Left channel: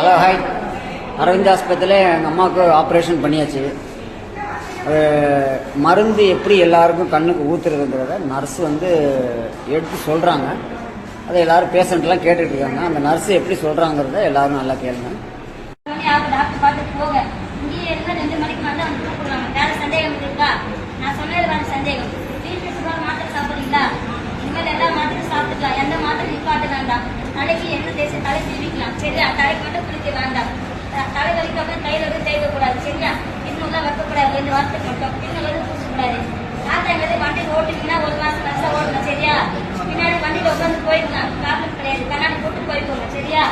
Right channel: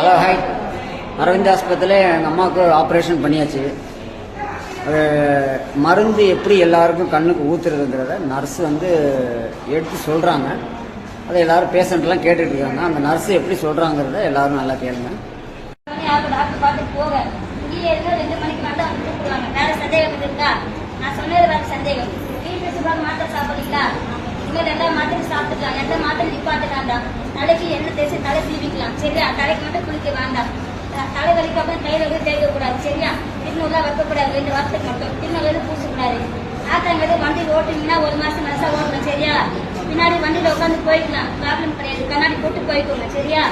Hello hi. Aravind ஆஸ்பத்திரியில் எங்கள் அம்மாவுக்கு ஆப்ரேஷன் பண்ணியாச்சு. மருந்து எப்படி எல்லாருக்கும் கண்ணுக்கு ஊத்துறதுங்கிறத நர்ஸ் எடுத்து சொல்கிறாங்க. அதை எல்லாரும் பேஷண்ட்லாம் கேட்டுட்டு இருக்காங்க. அந்த நர்ஸ் எப்படி சொல்கிறாங்கிறத எல்லாரும் நல்லா கேளுங்க. டாக்டர் பார்த்துட்டு போக இங்கேயே இருந்தா 2 மணிக்கு வந்து அவங்க கூப்பிடுவாங்க. வேற சந்தேகம் இருக்கா? நான் சொன்னது வேற சந்தேகம். வீட்டுக்கு சுகாதார மாத்திரை சாப்பிடுறீங்களா? இந்த 2 மாத்திரை சாப்பிட்டுக்கலாம். எந்த மாத்திரை நிப்பாட்ட வேண்டாம். தலைக்கு எண்ணெய் தேய்ச்சி தலை சீவிக்கலாம். சரியா? தலைக்கு மட்டும் குளிக்க வேண்டாம். தலை வலிக்கு அப்புறம் கையில தேய்க்க கூடாது. சரியா? இன்னும் வைக்கக்கூடாது. 2 வாரத்துக்கு மட்டும் இன்னும் பூசக்கூடாது. ஆத்தாங்கிறது வண்டி ஓட்டுனீங்கன்னா 1 மாசம் நர்ஸா ஓட்டணும். சரியா? பின்னாடி வண்டியில உட்காந்து போய்க்கலாம். ப்ராப்ளம் கிடையாது. கண்ணாடி போட்டு போய்க்கோங்க. சரியா?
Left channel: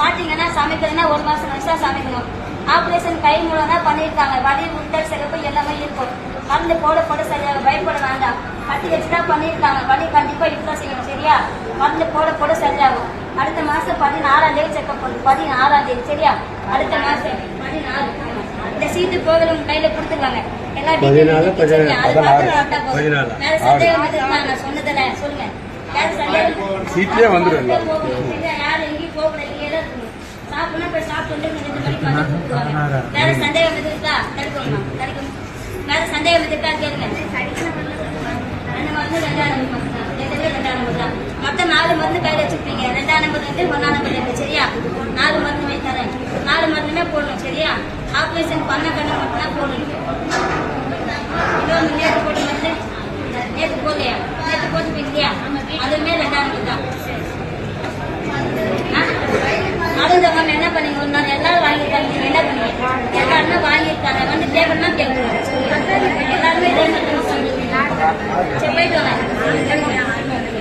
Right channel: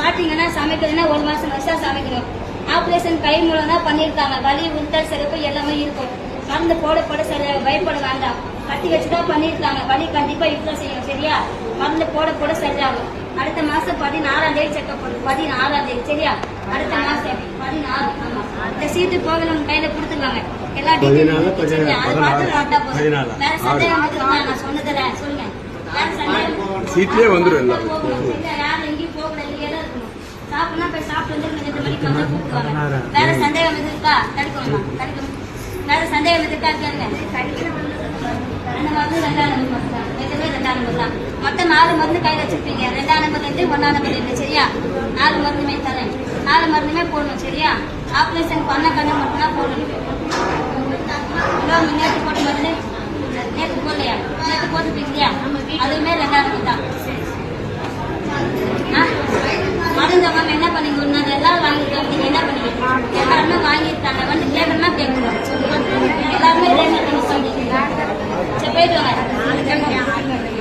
பாத்தீங்கன்னா சமைக்கிறதுனா 1 மாசம் நர்ஸா சமைக்கணும். ஆபரேஷன் கை மூலம் தான் பண்ணிருக்காங்க. வலி உண்டல் சிறப்பு எல்லாமே இருக்கும். மருந்து போட சரியா பயப்பட வேண்டாம். கட்டி வச்சுதான் பண்ணிருக்காங்க. வலி கண்டிப்பா இப்பதான் செய்யணும். சரியா? மருந்து போட சரியாகும். அடுத்த மாசம் 14ஆம் தேதி செக்அப் பண்ணும். 14ஆம் தேதி. சரியா? அடுத்த மாசம் 14. இந்த சீட்டு போகல உங்க கையில கொடுத்துருவாங்க. எல்லாம் வேற சந்தேகம் நான் சொன்னதுல சொல்லுங்க. வேற சந்தேகம் சீட்லயே வந்துடும். யாரும் எங்கேயும் போகக்கூடாது. இங்கே தான் இருக்கணும். சாப்பிடணும் போய் சாப்பிட்டு 2 மணிக்கு வந்து கூப்பிடுவாங்க. வேற சந்தேகம் எது இருக்கா? கிடைக்கும். வேற சந்தேகம் இருக்கா கேளுங்க. அந்த மருந்து 2ஆம் நம்பர் தான். எதுவுமே 2ஆம் நம்பர் தான். மொத்தம் 4 மருந்து கையில் வச்சிருப்பீங்க. 2ஆம் நம்பர் 1ஆம் நம்பர். சரியா? 4 மருந்துமே தரேன். 4 மருந்துமே போடணும். சரியா? ஆபரேஷன் பண்ண கண்ணு மட்டும் தான் போடணும். நேற்று போட மருந்து நேற்று போடலையா? நேற்று போட்டுப்பீங்க இல்லையா? அதுவுமே 2ஆம் நம்பர் தான். மருந்தவங்க என்ன பண்ணீங்க? ஒரு நாள் எல்லாரும் வாங்கியிருக்காங்க. நீங்க என்ன பண்ணீங்க? எல்லாருமே வாங்கியிருக்காங்க. கேட்கணும்னா கேட்கணும். எல்லாருமே சரி போயிட்டு வாங்க.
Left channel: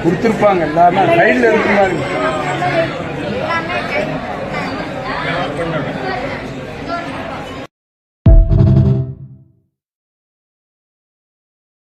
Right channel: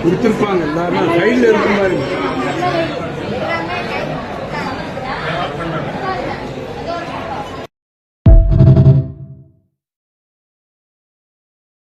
கொடுத்துருப்பாங்க. எல்லாரும் கையில் இருக்கிற மாதிரி